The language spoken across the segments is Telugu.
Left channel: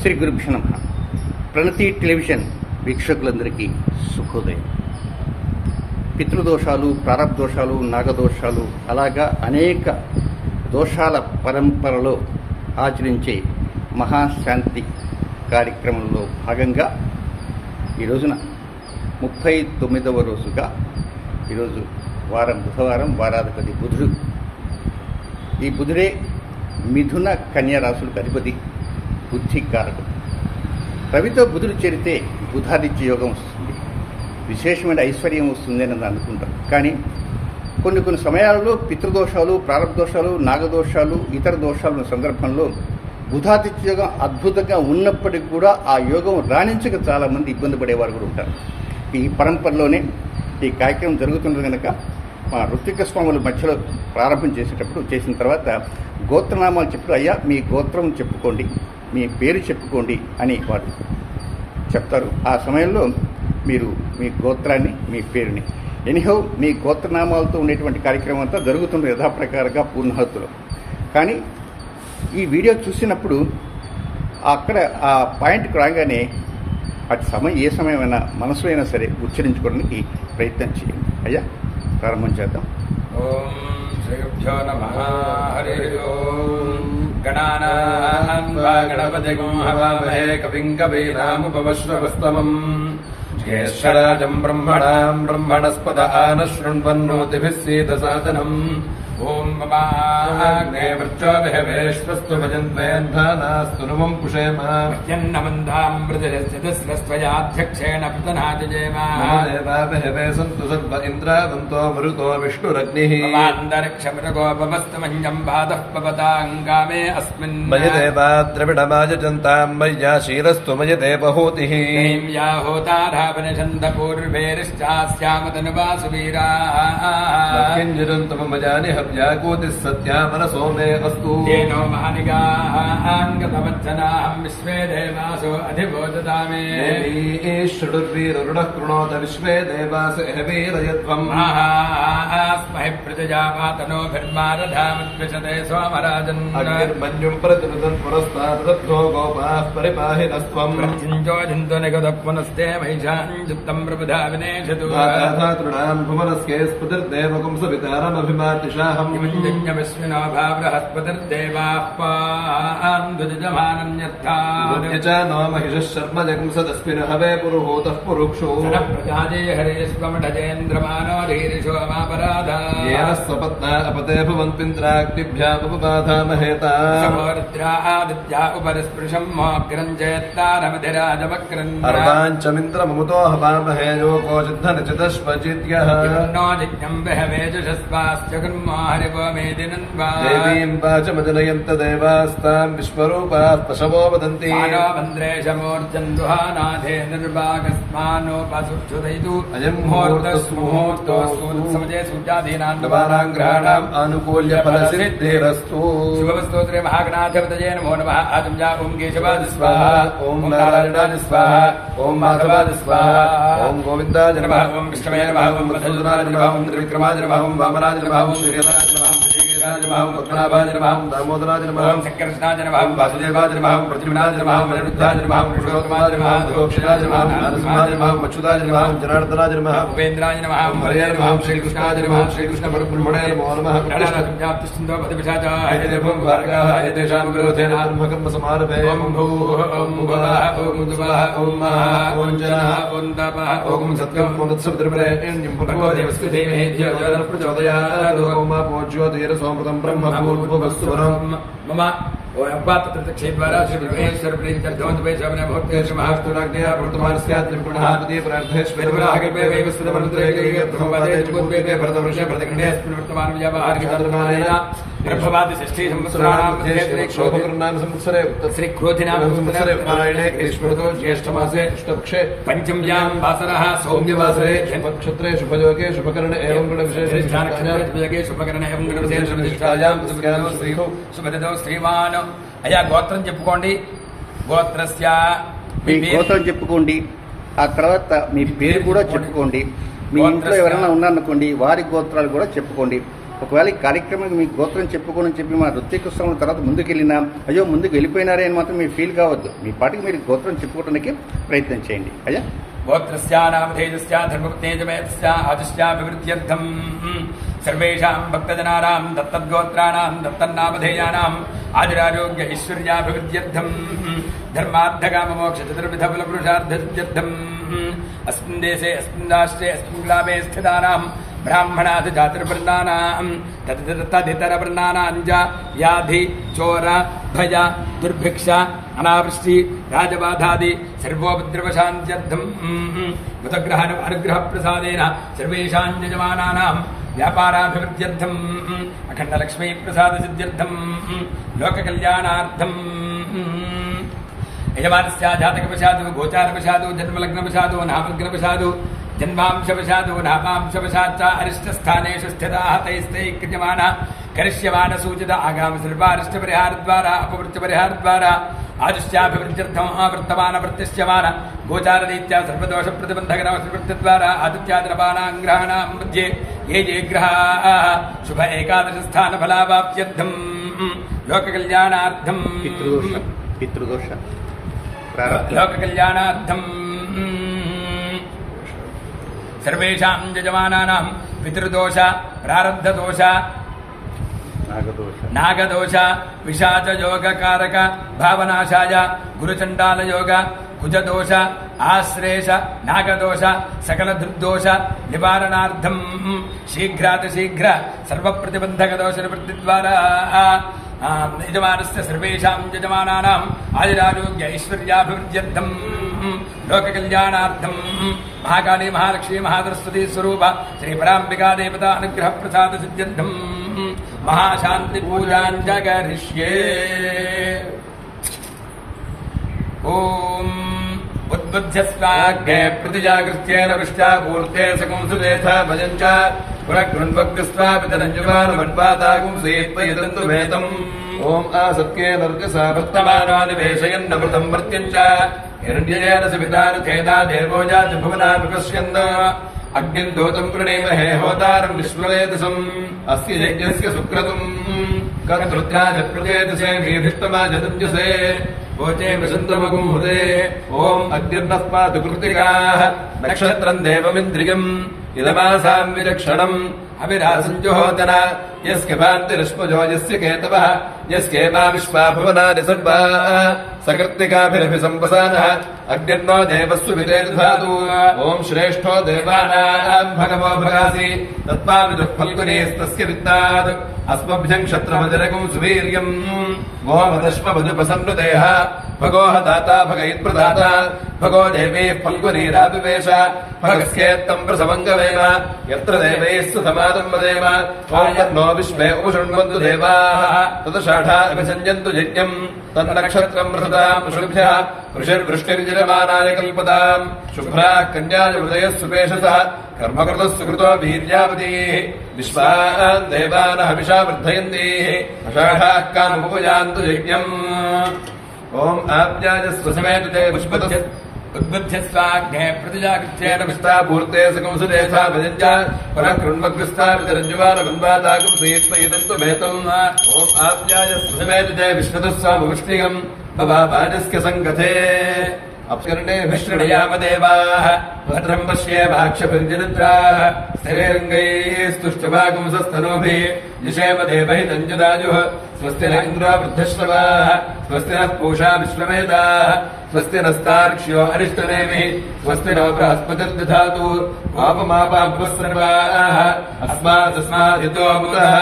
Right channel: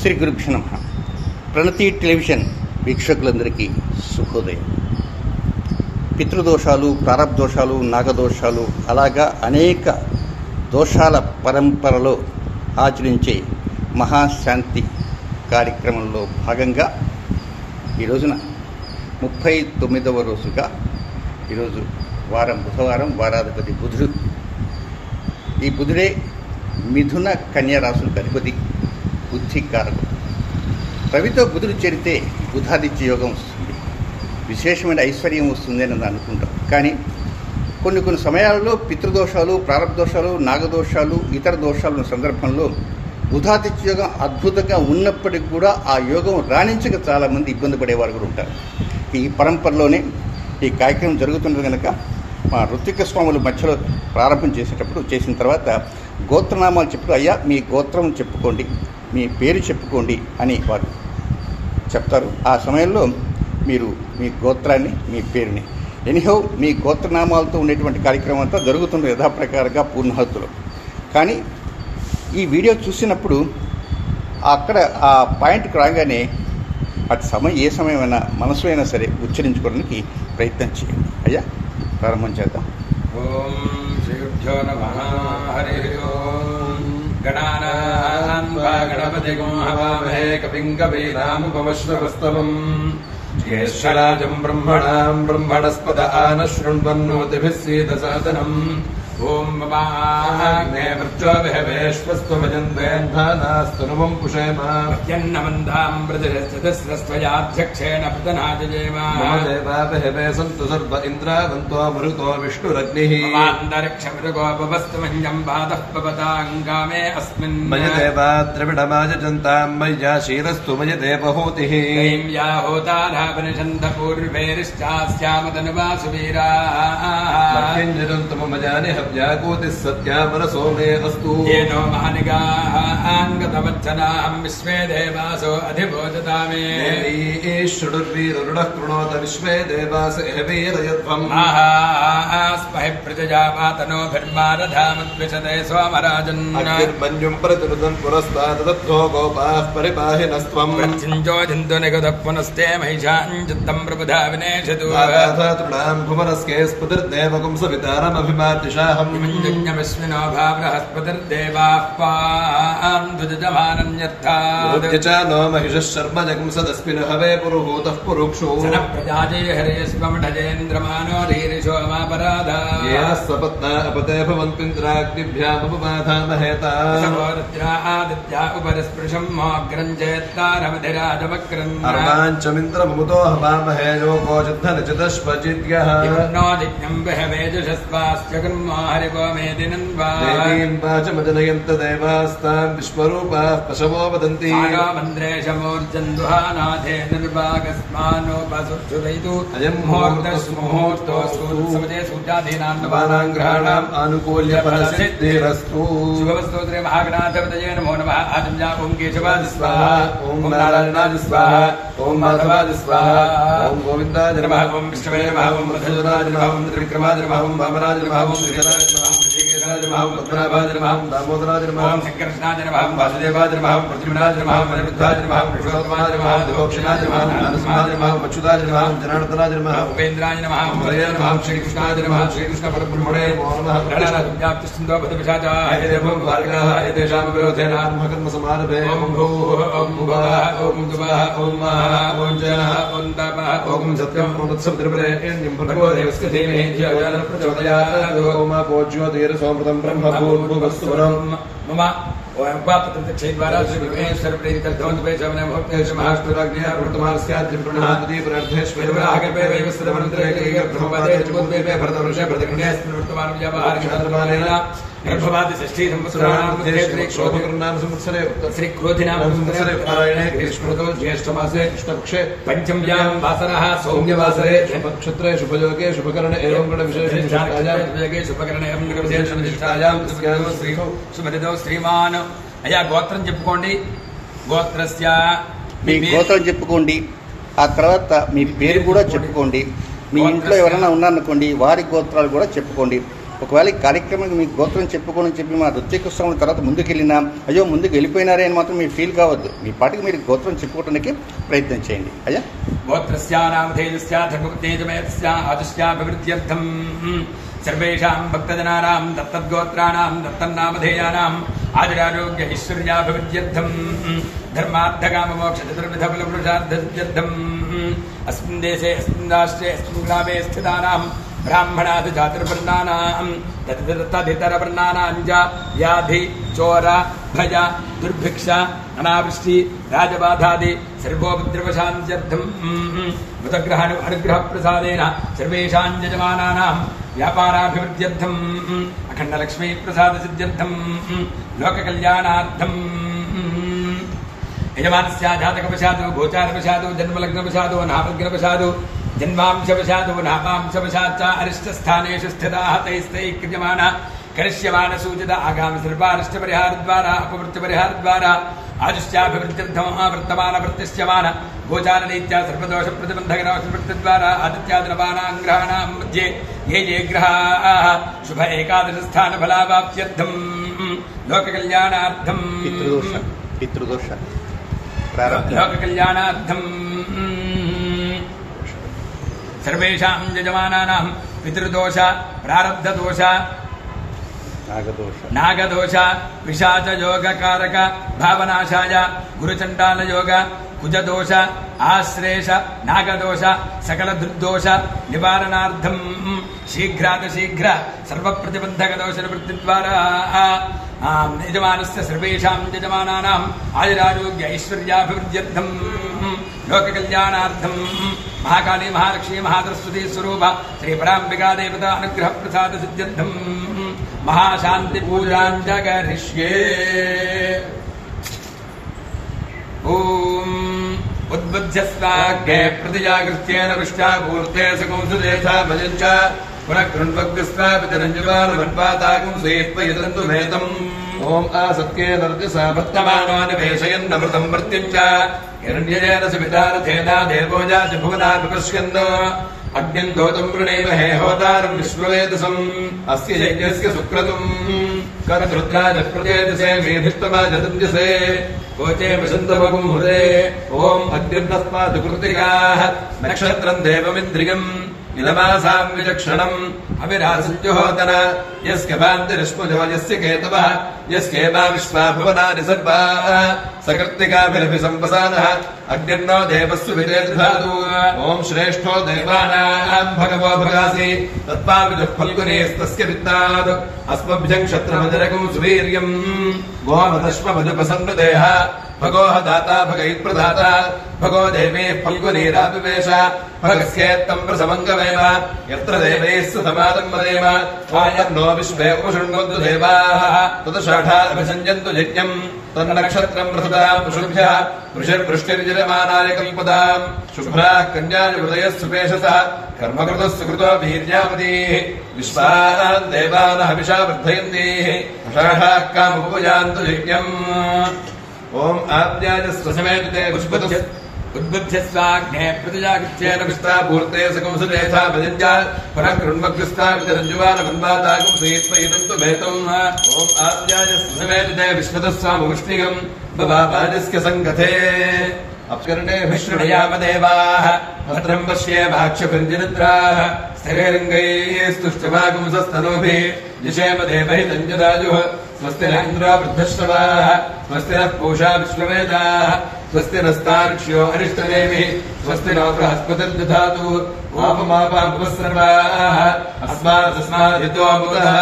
శ్రీ గురుభ్యో నమః. ప్రణతి టెలివిజన్ వీక్షకులందరికీ శుభోదయం. పితృదోషాలు, ప్రారబ్ధోషాలు, నాగదోషాలు అలాగా అనేక దోషాల పరంపరలో ఆచరించే మహాశాంతి కార్యక్రమంలో భాగంగా ఈ రోజున 39వ రోజుగా ఈరోజు బుధవారం, వారాధిపతి బుధుడు. ఈ బుధుడే మిథున కన్యా రాశులకు అధిపతి, బుద్ధికారకుడు. రవితో బుధుడు చేరితే బుధాదిత్య యోగం వస్తుంది, విశేషమైన ఐశ్వర్యం వస్తుంది అని అనుకుంటాం. కానీ కొన్ని సమయాలలో పితృదోషాలు, ప్రారబ్ధోషాలు, నాగదోషాలు, ఇతర దోషాలు ఉన్న సందర్భంలో బుధాదిత్య యోగం అద్భుతంగా ఉన్నప్పటికీ కూడా ఆ యోగం రాణించక చాలామంది ఇబ్బంది పడేవారు కూడా ఉంటారు. ఈ పరంపరలోనే ఈ కార్యక్రమం జరుగుతున్నది కనుక మా ఋత్విక స్వాములు మధ్యలో ప్రారంభం చేసిన తర్వాత గోత్రనామాలు చెప్తూ, అయ్యా మీ గోత్రం చెప్పుకోండి, మీ పేరు చెప్పుకోండి అని వారు చెప్తారు. ఆ సమయంలో మీరు మీ గోత్రాన్ని, మీ పేరుని, ఎనీహౌ మీ గోత్రనామాలతో ఉండేటువంటి కార్యక్రమం అంతా జరుగుతుంది యథాప్రకారంగా పూర్ణాహుతిలో. కానీ ఈ వీడియో చూసినప్పుడు అక్కడ ఆ పాయింట్కి రాగానే ఏ సమయమైనా మనసులో అయినా సరే ఉచ్చరించుకోవడానికి ప్రయత్నం చేయండి. అయ్యా ప్రారంభం చేద్దాం. ఓం శ్రీభ్యో నమః. హరి ఓం. గణానాం వా గణపతిగం హవామహే కవిం కవీనాముపమశ్రవస్తవం. జ్యేష్ఠరాజం బ్రహ్మణాం బ్రహ్మణస్పద ఆనశృణ్వన్నోతిభిः సీదసాదనం. ఓం మమాగ్నే వృక్షోభిహవేశ్వస్తు భజన్వేంధానాస్తు నమం పుషేమ. యన్నమందాం మృదురస్యతస్వయాధ్యక్షేణ పృతనాజయేమ. మమ దేవాభిహవే సంతు సర్వ ఇంద్రావంతో మరుతో విష్ణురగ్నిః. మమాంతరిక్షమృగోపమస్తు మన్యం బాధః పవతాంగామే అస్మిన్. మయ దేవా ద్రవిడమాజంతాం మయ్యా శీరస్తు మయ దేవహూతిః. యా హోతారావనిషంద పూర్వేరిశ్చాస్యామతనువాసు వీరాః. మమ వ్యాకోతి సత్యా మనసో మే అస్తు. ఏనో మహానిగాంగతవచ్చనాహం విశ్వే దేవాసో అధిభోజతామే. శృణుర్వీరురుణః కృణోత విశ్వే దేవాస వీరయధ్వం. స్మహి ప్రతిజాపాతనోభిర్మారధామద్విషతే సోమరాజన్. మన్యుం ప్రతిరుదన్ పురస్తాదద్భో గోపాః పరిపాహినస్త్వం. ప్రత్యుంజోజింతు నిగతః పునస్తే మహిషాంజుత్తం ప్రబుధా వినేషతు. తృణాం కుమరస్కే స్ఫుతిర్దేవకం సవితారమభిమాతిషాహం. జ్ఞమస్మినో భావృహస్పతిర్దేవాః పాం దుజమానన్యర్థాద్. No మహిషః Sharma జగం సదస్మిన్ highway పురుహూతః పురుక్షో. ప్రజాజే Hare స్వమఢజేంద్రమానో ధీరిషో మాపరాధా. యేన స్వపత్నా అపతే భవంత్వింద్రాగ్నిభ్యాముపబాధామహేతా. సమోరత్రా Aditya ఉపరిస్పృశం మోగ్రం చేత్తారమధిరాజవక్రం. అర్వాంచమింద్రమముతో హవామహే యోగో జిద్ధనిచితశ్వజిద్యః. No జిజ్ఞం బహవేజుషస్వాస్త్యగున్మో హరివో మేదినన్వా. దేవీం వాచమజనయంత దేవాస్తాం విశ్వరూపాః పశవో వదంతి. మంద్రేశమూర్జన్ దుహానాథే నిర్వాగస్మానోపసుక్షుదైతు. అయం ముహూర్తస్ముహూర్తోస్తూర్సమజే సూర్యాధీనాం గ్రహాణాం ఆనుకూల్య ఫలసిద్ధిరస్తు. శివస్తోత్రే మహాగణాధిపతయే నమో నమః. ఆచమ్యా ఓం కేశవాద స్వాహా, ఓం నారాయణాయ స్వాహా, ఓం మాధవాయ స్వాహా, ఓం గోవిందాయ నమః, ఓం కృష్ణవే నమః, ఓం మధుసూదనాయ నమః, ఓం త్రివిక్రమాయ నమః, ఓం వామనాయ నమః, ఓం శ్రీధరాయ నమః, శ్రీకేశాయ నమః, పద్మనాభాయ నమః, దామోదరాయ నమః, ఓం శ్రీకృష్ణాయ నమః, వాసుదేవాయ నమః, ప్రద్యుమ్నాయ నమః, అనిరుద్ధాయ నమః, పురుషోత్తమాయ నమః, దుఃక్షయాయ నమః, నరసింహాయ నమః, అచ్యుతాయ నమః, జనార్దనాయ నమః, ఉపేంద్రాయ నమః, హరయ నమః, శ్రీకృష్ణాయ నమః, శ్రీకృష్ణ పరబ్రహ్మణే నమో నమః. వ్యాప్తిస్తుందో పదవిషాచాయ దేవం భార్గవాయ తేషాం విరోధేన ఆత్మకర్మ సమారభే. ఓం భూః ఓం భువః ఓం దువః ఓం మహః ఓం జనః ఓం తపః ఓం సత్యం ఓం తత్సవితుర్వరేణ్యం భర్గో దేవస్య ధీమహి ధియో యో నః ప్రచోదయాత్. ఓం మా పూజ్యోతిర్ సోమృతం బ్రహ్మ భూర్భువస్సురం. మమ క్షేద్వారా శ్రీ విఘ్నేశ్వర ప్రీతికర్ధవంతపే శవనే భక్తేషు మహాస్తురాజ్ఞయా ప్రవర్తమానస్యాత్రిం ప్రణామతి ప్రణర్థేశ్వరగర్భే వైవస్వతమంత్రేగర్భవదే త్రిగుద్వేపే భరతవృషే భరతఖండేస్మిన్ వర్తమానం వ్యావహారికశాతమానేన గర్భవాది షష్ఠీ సంవత్సరాణాం శ్రీ క్షోభకర్ణాం సంవత్సరే శ్రీ క్రోధినాం సంవత్సరే పారాయణే గ్రీష్మృతో జ్యేష్ఠమాసే కృష్ణపక్షే పంచమ్యాం వాసరః సౌమ్యవాసరే నక్షత్రే శుభయోగే శుభకరణే ఏవం గుణ విశేషే శుభకరణే ఏవం గుణ విశేషాయాం శ్రీ శుభదతో శ్రీమాన్. అయ్యా గోత్రం చెప్పుకోండి. గోత్రస్య మీ గోత్రం చెప్పుకోండి. ఆ తర్వాత మీ పేరు కూడా చెప్పుకోండి. మీ ఇంట్లో ఎవరైనా ఉన్నారనుకోండి, వారి గోత్రాలు కూడా చెప్పుకోండి. ఒకవేళ ఈ కార్యక్రమానికి మీ గోత్రం చెప్పుకోని చెప్పి మా ఋత్వికోత్సవం తర్వాత ముందుకెళ్ళినా అయ్యో ముందుకు వెళ్ళిపోయినారే అని మాత్రం మీరు ఫీల్ కావద్దు. మీ పాటికి మీరు గోత్రం చెప్పుకోవడానికి ప్రయత్నం చేయండి. అయ్యా గోత్రస్యానామధేయస్యా ధర్మతేజమేతస్యా ఆదిశ్యాభివృద్ధ్యర్థం సర్వేషాం భక్తజనానాం దత్తద్గోత్రాణాం దత్తన్నామధేయానాం ఆదిరారోగ్య ఐశ్వర్యాభివృద్ధ్యర్థం ధర్మార్థకామమోక్ష చతుర్విధ ఫలపురుషార్థసిద్ధ్యర్థం అస్మిన్ దేశే అస్మిన్ రాష్ట్రే అస్మిన్ గ్రామే స్థితానాం బ్రాహ్మణాది చాతుర్వర్ణానాం తదితరవర్ణానాం చ వ్యాధి చోర భయ దుర్భిక్ష అనావృష్టి రాజబాధాది సర్వోపద్రవశాంత్యర్థం మృతగ్రహ అనుగ్రహ ప్రసాదేన సర్వేషాం యజమానానాం వ్యాపారాభివృద్ధ్యర్థం అఖండలక్ష్మీ ప్రసాద సిద్ధ్యర్థం లోకకళ్యాణార్థం యజమానస్య జాతకవశాదు గోచారవశాదు జన్మలగ్నవశాదు నామగ్నవశాదు జన్మాంశవశాదు నామాంశవశాచ్చ అరిష్టస్థానేషు స్థితాః తైస్తైః క్రియమాణ కరిష్యమాణ సూచిత ఆగామ సర్వారిష్ట పరిహార ద్వారా అపవృత్తి పరిహార ద్వారా ఆదిశ్యాభివృద్ధ్యర్థం వర్తమాన వృత్తిశ్యమాన గోచార రీత్యా సర్వదోష ప్రతిబంధక వృత్తి ద్వారా ఆదిత్యాద్రపాణాం గ్రహాణాం మధ్యే ఏ ఏ గ్రహాః శుభ ఏకాదశ స్థాన ఫలావాప్త్యర్థం లోక కళ్యాణార్థం పితృదోష లోక కళ్యాణార్థం సర్వేషాం యజమానానాం పితృదోష ప్రారబ్ధదోష నాగదోష విషాచ యోగకారక భావనాశాయ గురుచండాల యోగ కుజదోష ఆశ్రేష నాగదోష సకల దుర్దోష నివారణార్థం శీఘ్రాతిశీఘ్ర సర్వప్రతిబంధక దోష నివృత్తి ద్వారా యజమానస్య సర్వేషాం యజమానానాం ఆయురారోగ్య ఐశ్వర్యాభివృద్ధ్యర్థం లోక కళ్యాణార్థం మహాకాళీ మహాలక్ష్మీ మహాసరస్వతీ స్వరూప శ్రీ పరాంబికా దేవత అనుగ్రహ ప్రసాద సిద్ధ్యర్థం మహాశాంతి పూజాంజగరిష్యే. ఓం ఉద్బుధ్యస్వాగ్నే ప్రతిజాగృత్యేన విష్టాపూర్తే సకంసులేథా భజంచ పునఃకృణ్వగ్స్వాపితరంజువానుమన్వాతాగం శ్రీత్వయదంతు భేదం. ఓం ఆసత్యేన రజసా వర్తమానాని వేషయన్నమృతం మర్త్యంచ హిరణ్యేన సవితారథేనా దేవోజాతి భువనాని పశ్యన్ అగ్నిం దోతం ప్రణేమహే హోతారం విశ్వవేదసం అస్య యజ్ఞస్య సుక్రతుం కర్తృత్రాజ ప్రజేతసే శ్రీధిష్టమాజదంజసే ఓచే విసంతమగుం హృదే. ఓం అద్యన్నస్మాతు కృతికాః నక్షత్రం దేవమింద్రియం ఇదమాసాం విచక్షణం అవిరాసంజుహోతన యస్య భాంతిరశ్ముజో యస్య కేతవః యస్యేమా విశ్వా భువనాని సర్వాః సకృత్తికాభిరభి సంవసానః అగ్నిర్నో దేవస్సు విరేధాతు. ఓం శ్రేష్ఠో దేవానాం భగవో భగాసి తత్వావిదుః ఫల్గునేస్తస్య విత్తాద్ అస్మభ్యం క్షత్రమజరకం సువీర్యం గోమదశ్వ మధుపసన్నుదేహ భగోహ దాతా భగైత్ప్రదాత భగో దేవే ఫల్గునీరాపివేశ భగస్యేత్తం ప్రసమంగవేన యత్ర దేవైస్సు సమాదం వదేమ వాయర్నో విశ్వే ఉపశృణ్వంతు దేవాః తదషాఢా అభిసంజంతు యజ్ఞం తన్నక్షత్రం ప్రసదాం పుషుభ్యః వృషిర్వృష్టిర్జలమానాయ కల్పదాం శుభ్రాః కన్యాయ హృదయः సుపేషసः కర్మకృతः సుకృతో వీర్యావతీః విశ్వాన్ దేవానః హవిషా వర్ధయంతీః అషాఢాః కాముపయాन्तు యజ్ఞం. ఓం ఆజ్ఞాయ స్వసమేతే ఉద్బుధ్యస్వాగ్నే ప్రతిజాగృత్యేన విష్టాపూర్తే సకంసులేథా భజంచ పునఃకృణ్వగ్స్వాపితరంజువానమన్వాతాగం శ్రీత్వయదంతు భేతం. ఓం ఆజ్ఞాయ స్వసమేతే విశ్వతస్వాముష్ణిగం భవాజస్య సంగతే అప్కర్ణే విష్ణుయామ దేవాః భద్రం పశ్యేమాక్షభిర్జనుద్రాః స్థిరైరంగైస్తుష్టమాగుంసస్తనోభిः జిషేమ దేవహితం జదాయుః స్వస్తి న ఇంద్రో వృద్ధశ్రవాः స్వస్తి నః పూషా విశ్వవేదాः స్వస్తి నస్తార్క్ష్యో అరిష్టనేమిః స్వస్తి నో బృహస్పతిర్దధాతు ఆపమాపాద్వస్సర్వాः అస్మాదస్మాదితోముతః.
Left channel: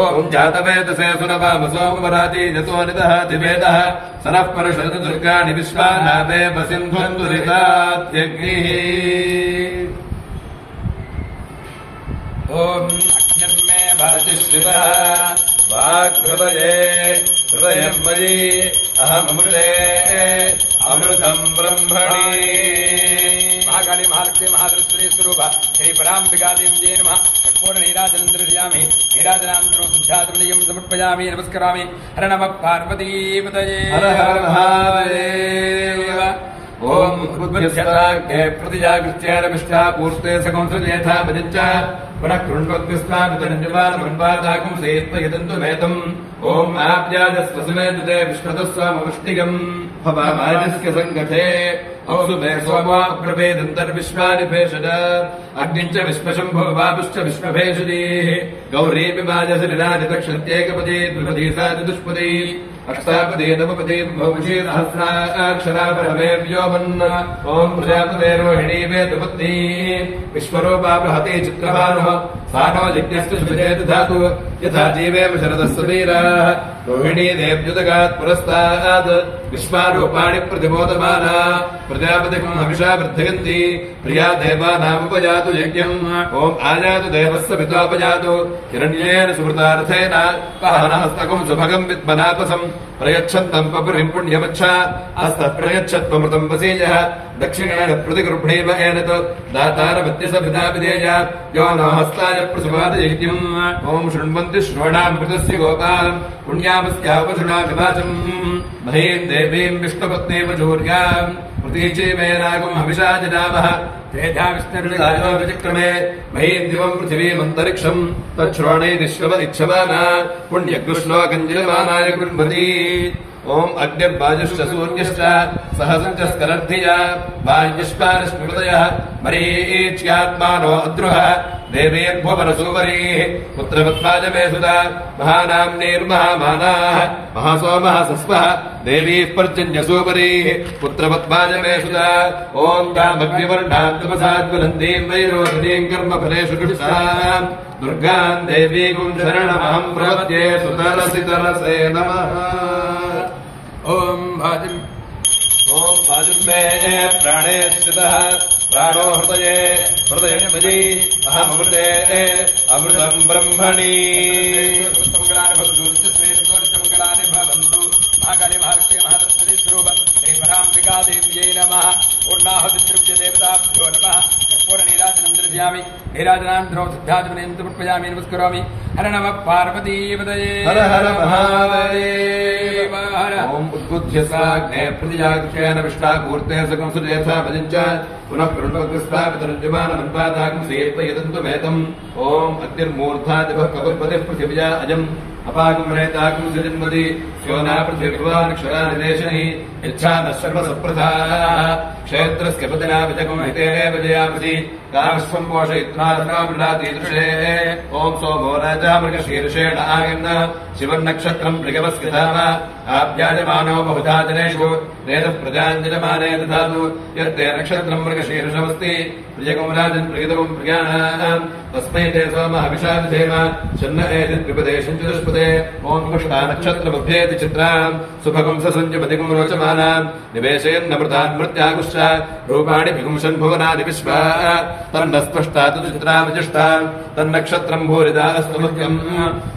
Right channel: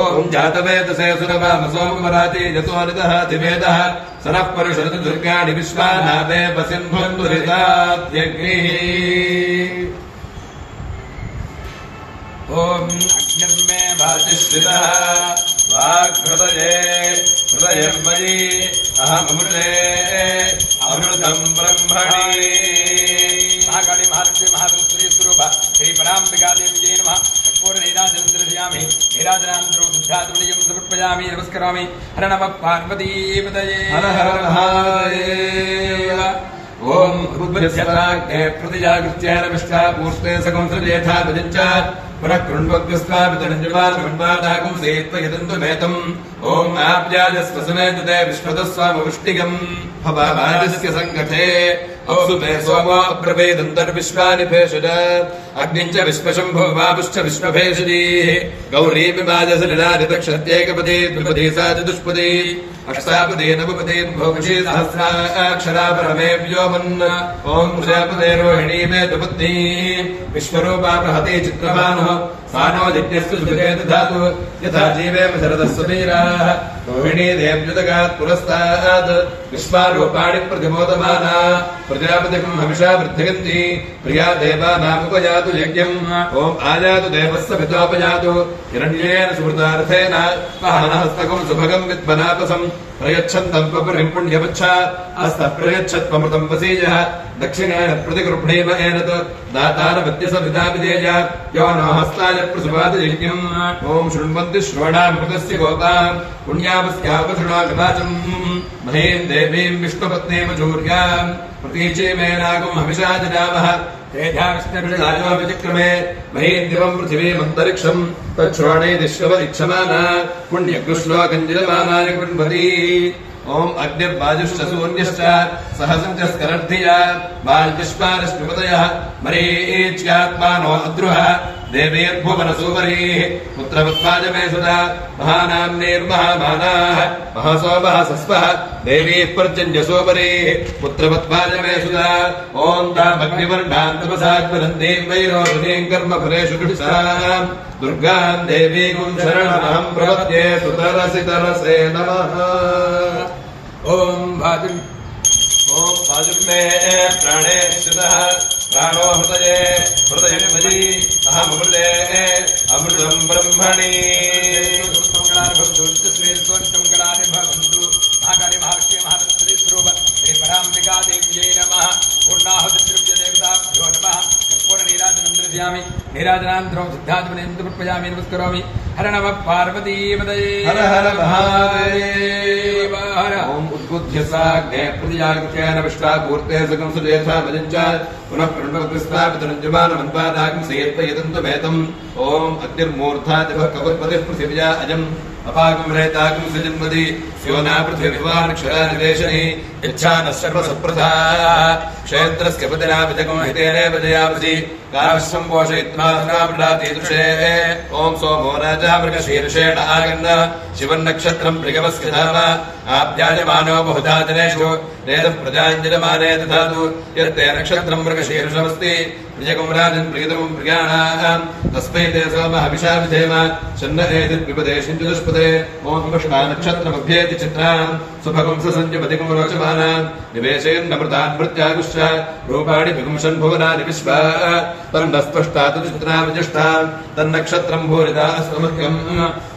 ఓం జాతవేదసే సురవామసోమరాతి జతోనిదః దివేదః సనః పరుషదు దుర్గాణి విశ్వానాదే వసిన్భందురితాద్యగ్నిః. ఓం అగ్నిర్మే వాసిష్ఠితః వాగ్హృదయే హృదయం మయి అహమృతే అమృతం బ్రహ్మణి. మహాకాళీ మహాలక్ష్మీ మహాసరస్వతీ స్వరూప శ్రీ పరాంబికాదేవ్యై నమః. నీరాజనందృశ్యామి నీరాజనాంతరో బుద్ధ్యాతృణీయం సమర్పయామి నమస్కరామి. హర నమః పార్వతీపతయే హర హర మహాదేవ. ఓం निबध्यताग्ने प्रतिजागृत्येन विष्टा पूर्ते सकंसर्यथा भजञ्च पुनः कृण्वद्यस्वापितरञ्जवानमन्वादाकं सेत्वयदन्तु मेतम् ॐ आप्याजस्वसमेतुते विष्णुतस्वामवृष्टिगम् भवामाजस्य सङ्गठे ओसुमे सोमो अप्रवेदन्तर्विश्वानि भेषज अग्निञ्च विश्वशम्भो वापुश्च विश्वभेषजीः गौरीमिवाजसलिलादितक्षत्येकपदी द्विपदी सा चतुष्पदी अष्टापदी नवपदी भौषी सहस्राक्षरा परमे व्योमन् ॐ प्रजापते रोहिणी मे दुपत्नी विश्वरूपा बृहती चित्रभानुः सा नो जिज्ञस्तु सुभिरे दधातु यथा जीवेम शरदस्सु वीराः रोहिणी देव्युदगात् पुरस्तात् विश्वारूपाणि प्रतिमोदमाना प्रजापतिम् हविषा वृद्धयन्ति प्रिया देवानामुपयातु यज्ञम् ॐ आयातु देवस्य पितोपयातु हिरण्येन सुहृतार्थेन हस्तकम् सुभगम् विद्मनापसम् प्रयच्छन्तम् पपुरिम् पुण्यवच्छ हस्तः प्रयच्छत्वमृतम् वसीयः दक्षिणेन प्रतिगृह्णीम एनत् दातानपत्यसमृताभिधेय यो न हस्ताय प्रसुवादयज्ञम् ॐ शृण्वन्ति श्रवणामृतस्य गोपाम् पुण्यापस्यापशृणाभिभाषम् महीम् देवीम् विष्णुपत्नीमजूर्याम् प्रतीचे मेनागम् हविषा जनावः तेजा विष्णुर्विक्रमे महीम् दिवम् पृथिवीमन्तरिक्षम् तच्छ्रोणे दिश्वपदिक्षमाना पुण्यकृष्णोकञ्जिलमानाय गृह्णति ॐ अग्निर्वाजुश्च शून्यश्च सहसञ्च स्करद्धिया वायुष्मानस्मृतयः मरीच्यात्मानो अद्रुः देवीर्भुवनसूवरीः पुत्रपद्माजमे सुता महानाम्नेर्महामानाः महासोमः सस्वः देवीः पर्जन्यसूवरीः पुत्रपद्माजमे सुता ॐ तामग्निवर्णाम् तपसाद्वनन्दीम् वैरोधनीम् कर्मफलेषु कृष्णाम् दुर्गाम् देवीकुम् शरणमहम् प्रपद्ये सुतरसितरसे नमः ॐ भाजुर्मे प्राणे स्थितः प्राणो हृदये हृदयेष्वजी अहमृते अमृतम् ब्रह्मणि नीराजनान्तरो सिद्धात्मनेन्द्रपुष्पयामि नमस्करोमि हर नमः पार्वतीपतये हर हर महादेव हर ॐ उद्बुद्ध्य साग्ने प्रतिजागृत्येन विष्टापूर्ते सकं सुजयथा भजञ्च पुनः प्रणवस्वापितरञ्जमानमन्वादाकं सेत्वयदन्तमेतम् ॐ अग्निर्मूर्धादिवः कपुर्पतिः पृथिव्या अजम् अपाकं रेताकं सृजन्मति स्योना पृथिवीवानक्षरादिदेशैः यच्छानः सर्वसप्रथाः क्षेत्रस्य पतिना पितकं हितेनेव जयामसि कामस्वं पोषयित्वा कामृडातीदृशे ॐ सोमो राजा मृगशीर्षेण आगन्द शिवन्नक्षत्रम् मृगवस्य धाम आभ्याजमानो बहुधा जनेषु वेदः प्रजाञ्जलमाने दधातु यत्ते नक्षत्रम् मृगशीर्षमस्ति प्रियकम् राजन् प्रियतमम् प्रियाणाम् तस्मै ते सोमः हविषा विधेम शन्नरेदिर्विपदेशम् चतुष्पदे ॐ कृष्णा नक्षत्रमभ्येति चित्राम् सुभगुंस सञ्जपतिकम् रोचमानाम् निवेशेन्नमृतान् मृत्यागुश्च रूपाणि विगुंसन् भुवनानि विश्वा तन्न स्पष्टातु चित्रा विजिष्ठान् तन्नक्षत्रम् भूरिदास्तमुख्यम्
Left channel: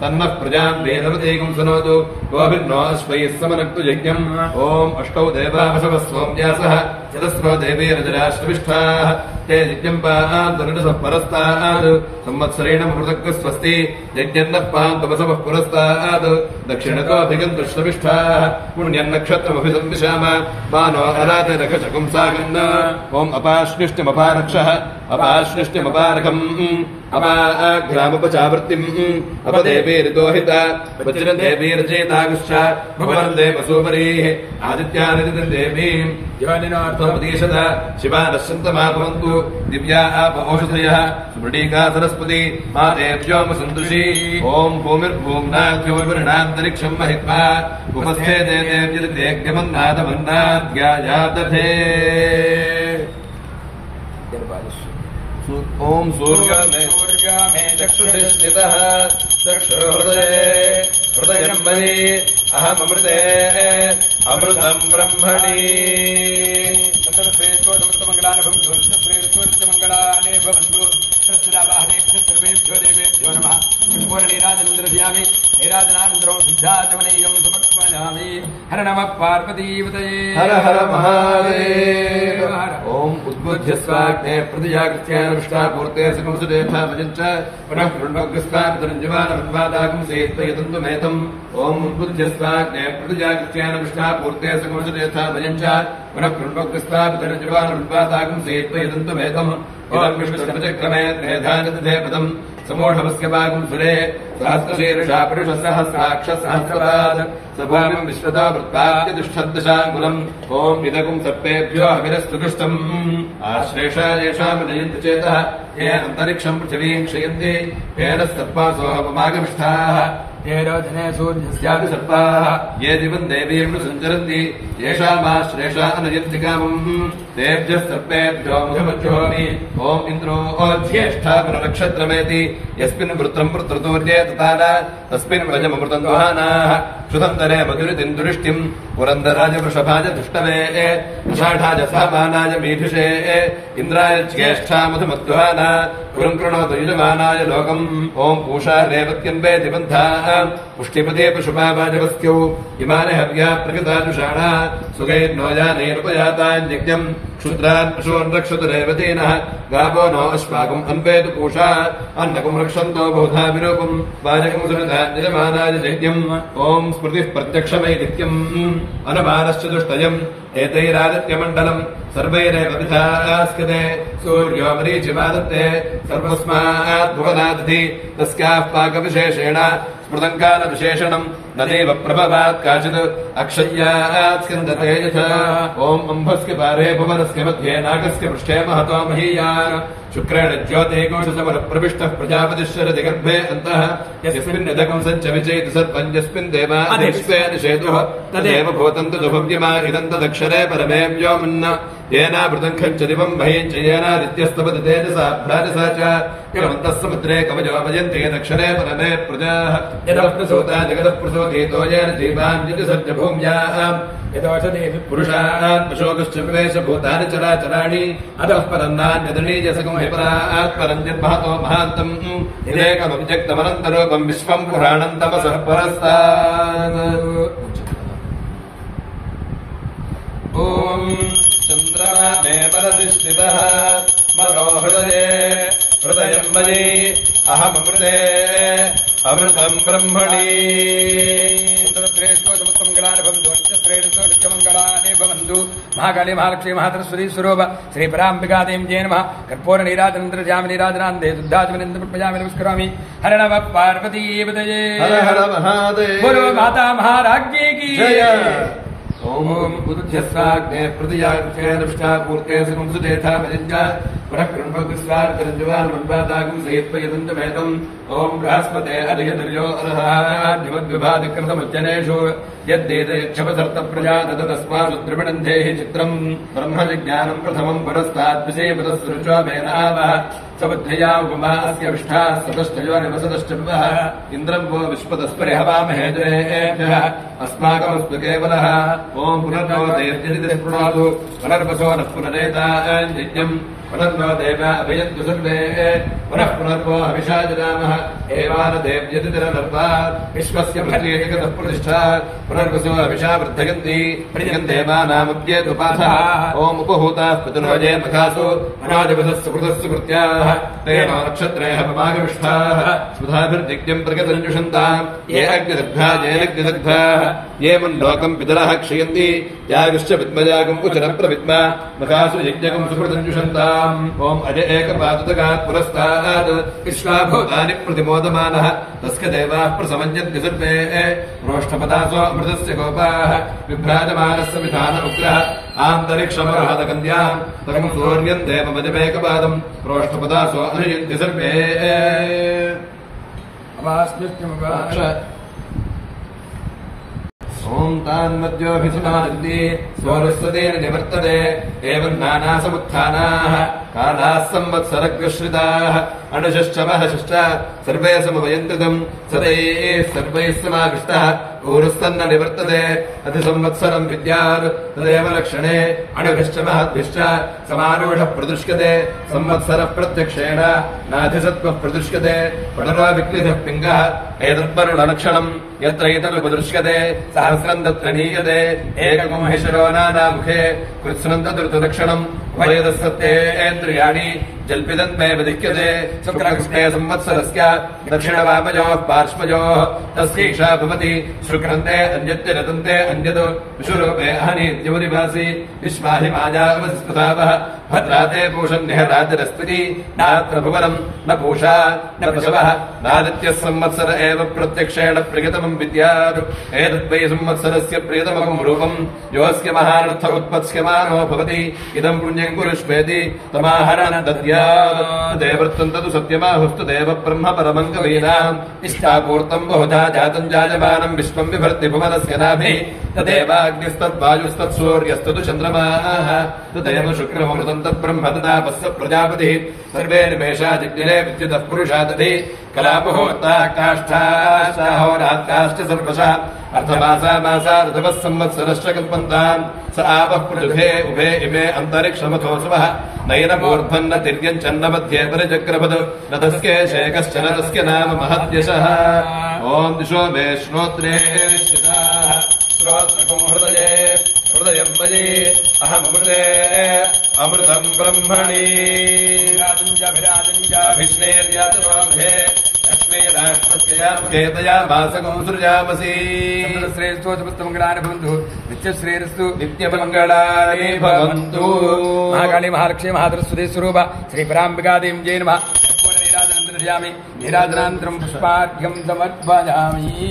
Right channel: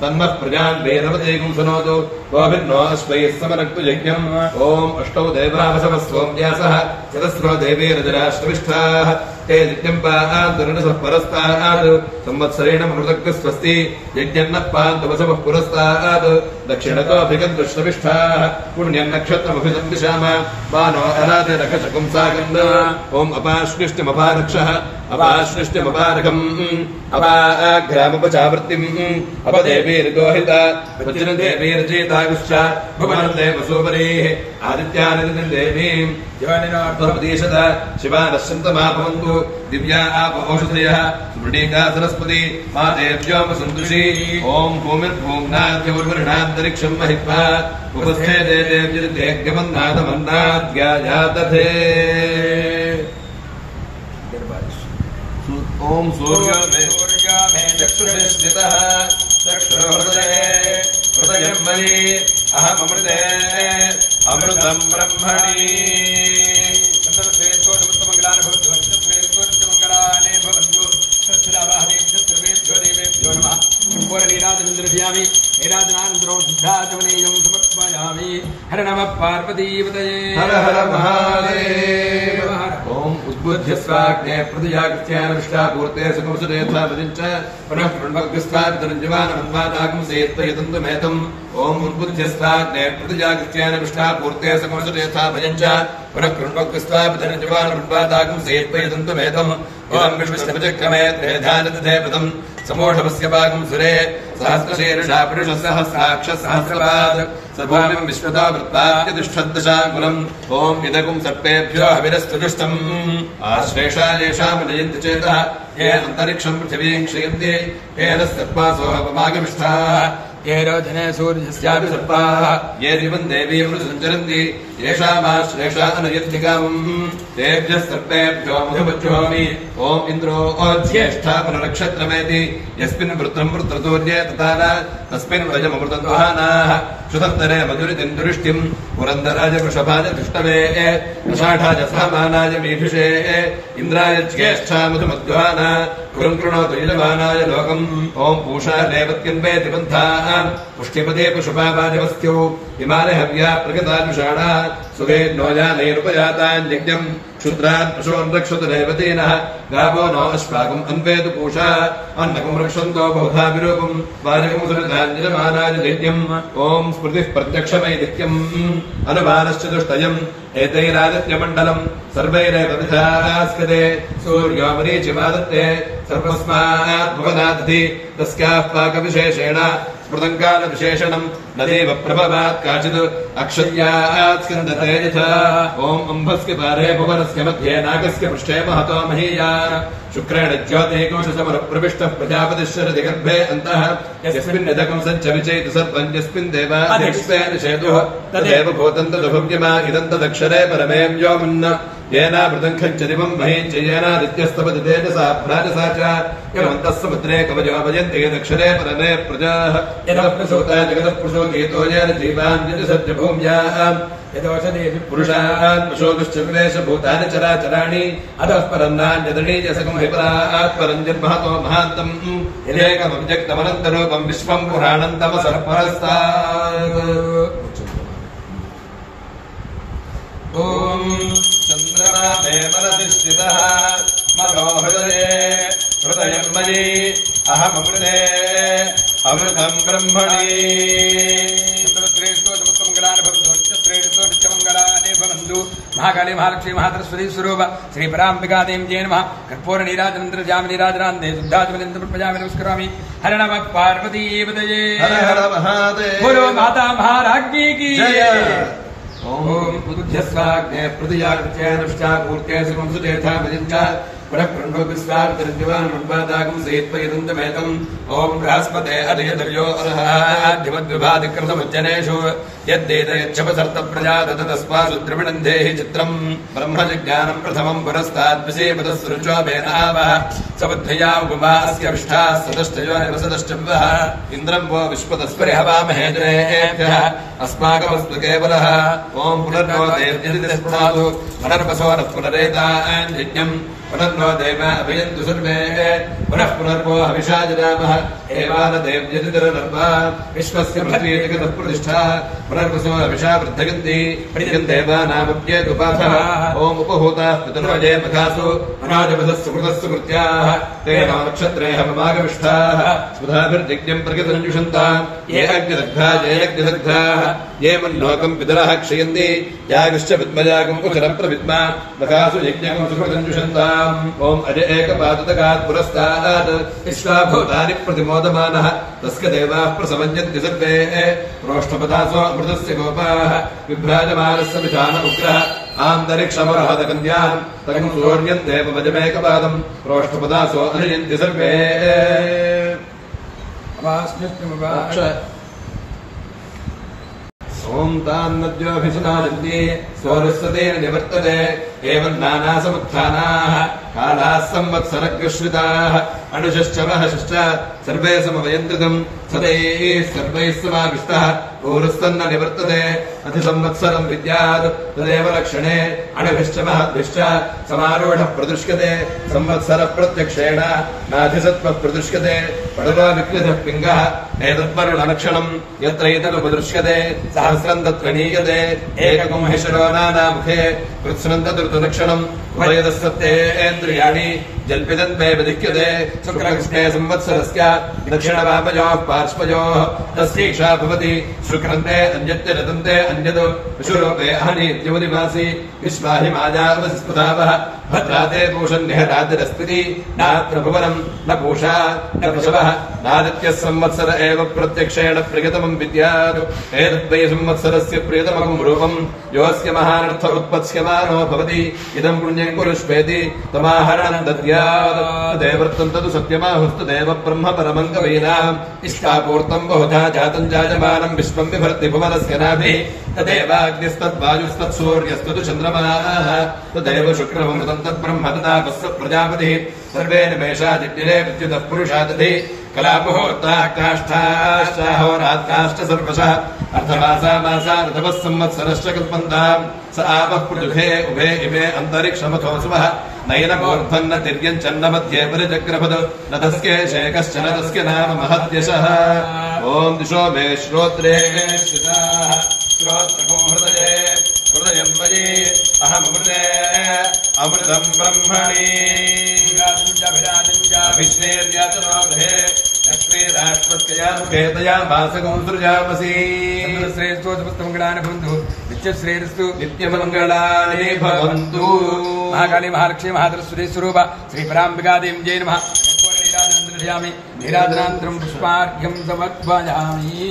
तन्नः प्रजाम् वेदवतेकम् सनोतु गोभिन्नो अश्वैः समनक्तु यज्ञम् ॐ अष्टौ देवावसवः सोम्यासः चतस्रो देवीरजराश्रविष्ठाः ते यज्ञम् पान्तुरनसः परस्तात् संवत्सरेण मृतग्स्वस्ति यज्ञन्नः पान्तवसवः पुरस्तात् दक्षिणतोऽभिगन्तुश्रविष्ठाः पुण्यम् नक्षत्रमभिसंविशाम मानो अराते नखशकुम् सागन्द ॐ अपाश्लिष्टिमपानक्षः अपाश्लिष्टिमपानकम् अपाग्रामपचावृत्तिम् अपदेवीर्गोहित वज्रदेवीर्जेतागुश्च भगवन् देवसूपरीः आदित्यानिदिन् देवीम् योनिनार्थोपदेशत शिवानश्चन्तमाभवन्तु दिव्या आपोषधयः सुमृणीता सरस्वती मातेभ्योऽपसन्दृशी ॐ भूमिर्भूम्नाद्योर्वृणान्तरिक्षम् महित्वा उपस्थे देवेभ्यमन्नाथमन्नाद्यायातथे ॐ सूर्यमे चक्षुषे स्थितः चक्षुर्हृदये हृदयम् मयि अहममृते अमृतम् ब्रह्मणि हर नमः पार्वतीपतये हर हर महादेव ॐ उद्बुध्यस्वाग्ने प्रतिजागृत्यानुष्ठापूर्ते सुखंसुरेथाभजञ्च पुनः कृण्वग्स्वादरञ्जवानमन्वादागं सेत्पयतन्तुमेतम् ॐ उद्बुध्यस्वाग्ने प्रतिजागृत्यानुष्ठापूर्ते सुखंसुरेथाभजञ्च पुनः कृण्वग्स्वादरञ्जवानमन्वादागं सेत्पयतन्तुमेतम् ओम विष्णुश्रमचक्रमे त्रेधानदधेपदम् समोषमस्य भागं सुरे सहस्रशीर्षा पुरुषसहस्राक्षसहस्रपाद सभामिं विश्वता वृत्ताद्यतिष्ठद्दशाङ्गुलम् ओम इदकं सर्पेभ्यो हविरस्तुजुष्टम् आश्लेषा येषाम् नयन्ति चेतः ये अन्तरिक्षं पृथिवीं क्षयन्ति तेन सर्पासो अपमागमिष्ठाः ये रोचने सूर्यस्यापि सर्पाः ये दिवं देवीं सञ्चरन्ति येषामाश्लेषा नयन्ति कामम् तेभ्यः सर्पेभ्यो मुखमज्जोमि ओम इन्द्रो ज्येष्ठा पुनरक्षत्रमेति यस्मिन् वृत्रं वृत्रतोर्ये तथा तस्मिन् वजममृतं दुहानाः क्षुतन्तरे मधुरितिन्दुरिष्टिं पुरन्दराज वृषभाज धृष्टवे विषाढाज सामानाय मीढुषे इन्द्राय ज्येष्ठा मधुमद्वाना पुरं कृणोतु यजमानाय लोकम् ओम पूषा रेवत्यन्वे दिबन्धाः पुष्टिपदे पशुपावाजवस्त्यौ इमाने हव्या प्रकृतानुषाणा सुगैर्नोजानैरुपजातान्यज्ञम् क्षुद्रान् पशून् रक्षतु रेवतीनः गावो नो अश्वाकम् अन्वेतु पूषा अन्नकम् रक्षन्तो बहुधा विरूपम् वाजकम् सुरधान्यजमानाय यज्ञम् ओम स्मृतिः प्रत्यक्षमैदित्यम् अनुमानश्चतुष्टयम् एतैरादित्यमण्डलम् सर्वैरेव विधास्कते सूर्यो मरीचिमादत्ते सर्वस्मात् भुवनादधि तस्याः पाकविशेषेण स्मृतङ्कालविशेषणम् न देव प्रभवात् काचित् अक्षय्यात् स्कन्दते यथा ओम अम्भस्य पारे भुवनस्य मध्ये नागस्य पृष्ठे महतो महीया शुक्रेण ज्योतिर्गुंसमरप्रविष्टः प्रजापतिश्चरति गर्भे अन्तः यस्मिन् यदकं सञ्च विचेति सर्वं यस्मिन् देवादिष्टेन शेतुः तदेव भूतं तदुभव्यमा इदं तदक्षरे परमें व्योमन्न येनावृतं खञ्च दिवं महीं च येनादित्यस्तपति तेजसा भ्राजसा च यमन्तः समुद्रे कवजोपयन्ति यदक्षरे परमे प्रजाः यदप्रसूता जगतः प्रसूतीतो येन जीवान् यजसज्ज भूम्याम् यदौषधेषु पुरुषात् पशोभिश्च विवेशभूतानि चराचराणि अधः परं नान्यदनीजसकं हिपरात् परं जन्महतो महान्तम् यदेकमव्यक्तमनन्तरूपं विश्वं पुराणं तमसः परस्तात् ॐ चन्द्रमा देवरधिष्ठितः मनोहृदये हृदयं मयि अहमृते अमृतं ब्रह्मणि महाकाली महालक्ष्मी महातरस्वती स्वरूप श्री पराम्बिका देवी जय नमः कर्पूर नीराजनन्द्रजामि नीराजनान्दे शुद्धात्मनिन्द्रपजामि नमस्करोमि हर नमः पार्वती पतये हर हर महादेव बोलो माता महाराज्ञी की जय। ओम उद्बुध्यस्वाग्ने प्रतिजागृत्यानुष्ठापूर्ते सुखं सुचेथा भजञ्च पुनः कृण्वग्स्वादरञ्जवानमन्वादागं सेत्पयतन्तमेतम् ओम बृहस्पते हरियधर्यो अर्हाद्यमद्विभाधिकृतमज्जनेषु यद्देतयच्छपसर्तप्रजात तस्मात् द्रविणन्धेहि चित्रम् ब्रह्मजिज्ञानं प्रथमं पुरस्ताद्विषेपदस्सृजोभेनावः सबुद्ध्या उपमा अस्य विष्ठाः सदष्टयो निवसदश्चम्बः इन्द्रं वो विश्वतस्परि हवामहे जनेभ्यः अस्माकमस्तु केवलः ओम पुनर्नो देव्यदिस्पृणातु पुनर्वसो नः पुनरेताञ्जिज्ञम् पुनर्नो देवा अभियन्तु सर्वे पुनः पुनर्वो हविषा जनामः एवान देव्यदितरनर्वा विश्वस्य पृथ्वीजगतः प्रतिष्ठा पुनर्वसो हविषा वृद्धयन्ति प्रियं देवानामप्येतुपाथः ओम उपहूताः पितुर्वजे मखासु अनाजगतः सुकृतः तेन नक्षत्रे हवमागमिष्ठाः सुधाभिर्दिग्यं प्रगतञ्जुषन्ताम् ये अग्निदग्धा येनग्निदग्धाः ये मन्लोकं पितरः क्षयन्ति यागश्च विद्मजागम् उचरं प्रविद्मा मखासु यज्ञकं सुकृतञ्जुषन्ताम् ओम अज एकपादतकात् पुरस्तात् विश्वाभूतानि प्रतिमोदमानः तस्य देवाः प्रसमञ्जन्ति सर्वे रोष्ठपदासो अमृतस्य गोपाः विभ्राजमानस्य विधानमुग्रः आन्तरिक्षमरहतकन्याम् तकं सूर्यं देवमजमेकपादम् रोष्ठपदासो अनयन्ति सर्वे ओम तान्नद्योऽभिसनादन्ति स्वरस्वतेन निवर्तते एवं नानासमुत्थानाः कालाः संवत्सरग्रश्रिताः अनुशश्च महशश्च सर्वे समवयन्त्रितम् सदैः सर्वैः समाविष्टः ऊरुस्तन्न निवर्तते अतिसंवत्सरम् विद्यात् तदेव लक्षणे अणभिश्च महद्भिश्च समारूढः प्रदृश्यते संवत्सरः प्रत्यक्षेण नाधिसत्त्वः प्रदृश्यते पडरो विक्लितः पिङ्गः एतत्पर्णलक्षणम् यत्र एतदुपदृश्यते सहस्रम् तत्र नीयते एककम् हिशरो नानामुखे कृत्स्नम् तदृतलक्षणम् उभयतस्तत्तेन्द्रियाणि जल्पितम् मे विधिक्यते शुक्लकृष्णे संवत्सरस्य दक्षिणवामयोः पार्श्वयोः तस्यैषा भवति शुक्रन्ते अन्यत्य रतन्ते अन्यत् विशुरूपे अहनीत्यवनिवासि विश्वाहि मायावसिस्पदावः भद्राते पूषन्निहरातिरस्मिति नात्र भुवनम् न पूषा न पशवः नादित्यः संवत्सर एव प्रत्यक्षेण प्रियतमम् विद्यात् एतद्वै संवत्सरस्य प्रियतमम् रूपम् योऽस्य महानर्थ उत्पत्स्यमानो भवति इदम् पुण्यम् कुरुष्वेति तमाहरणम् दद्यात् तदेवर्तम् तदु सत्यमाहुस्तु देव ब्रह्म परमम् कवीनाम् इष्टापूर्तम् बहुधा जातम् जायमानम् विश्वम् विभर्ति भुवनस्य नाभिः तदेवाग्निस्तद्वायुस्तत्सूर्यस्तु चन्द्रमाः तदेव शुक्रममृतम् तद्ब्रह्म तदापस्य प्रजापतिः सर्वे निमेषादिग्निरे विद्युतः पुरुषादधि कलापुहोर्ताः काष्ठाश्चाहोरात्काश्च सर्वशः अर्धमासा मासा ऋतवः संवत्सरश्च कल्पन्ताम् स आपः पृथुभे उभे इमे अन्तरिक्षमथोऽसुवः नयनमूर्धन्न तिर्यञ्चन्न मध्ये परिचक्रपद रथस्के शेकश्च नरस्य नाम महद्यशः ॐ दिशो मे श्रोत्रे श्रोत्रकम् हृदये हृदयम् मयि अहमृते अमृतम् ब्रह्मणि अभिष्णेर्यातमाभे लक्ष्मी राष्ट्रस्ययामकेतयामासकम् सृजामसि श्रेष्ठोत्तमङ्गलानि भवन्तु नित्यश्रेयस्तु नित्यमङ्गलानि भवन्तु महाकाली महालक्ष्मी महासरस्वती स्वरूप श्रीपराम्बिकादेवी जय नमः नीराजनान्तरम् पुष्पार्घ्यम् समर्पयामि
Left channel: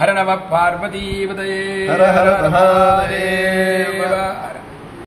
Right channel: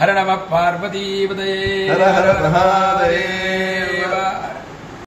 हर नमः पार्वतीपतये हर हर महादेव